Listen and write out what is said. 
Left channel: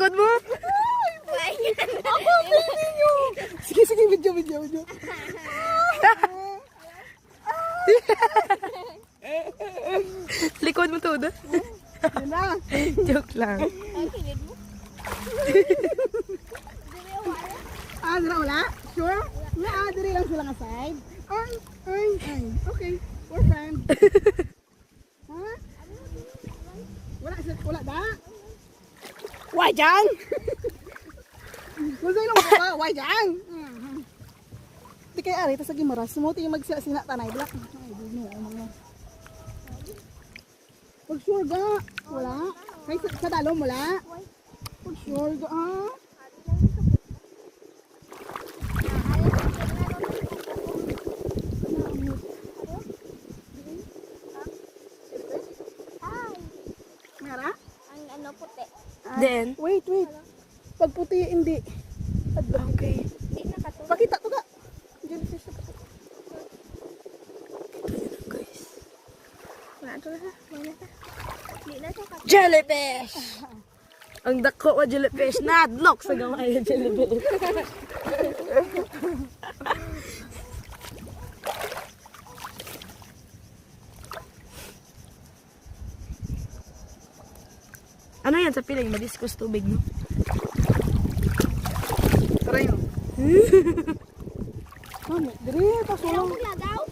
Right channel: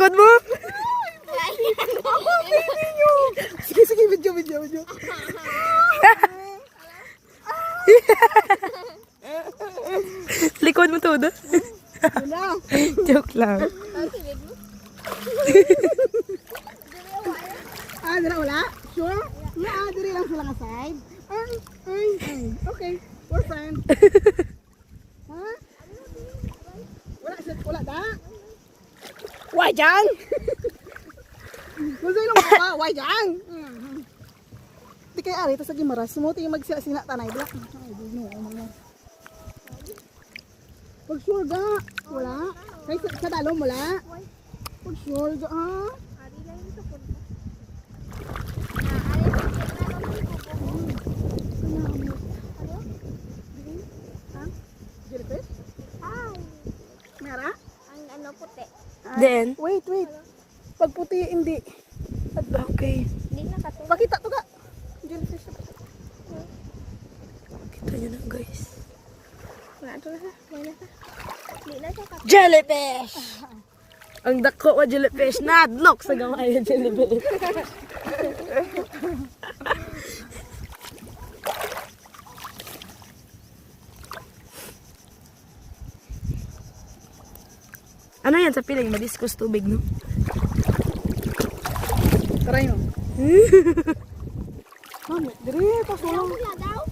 likod mo. Sige, sige, video. Likod mo todo. Joke lang. Dira wala? Sure? Diri lang sila nga side. Ay. Okay, we're friends. Ha? Wala da? Wajang! Kung sa'yo lang pa, why dyan? Di kaya ari, tapos lagi maras. Sumuti yung magsina tanay. Bila. Ay, di mo. Pag sure ga. Wala. Kaya sa dalong wala. Pag sure ga. Nara? Ang ano puti. Then? Wait. Pag puti, hindi. Okay. Hindi na kasi. Pakita to ga. Jellyfish na puti. Kita nyo lang guys. Wala to ha. Hindi na siya kasi. Jellyfish! Ang dako ko jellyfish. Nadlock sa gamay ng jellyfish. Ano yan sa piling? Madiskus tubig mo. Tara yun. Mami, diri, pasulong. Lagaw?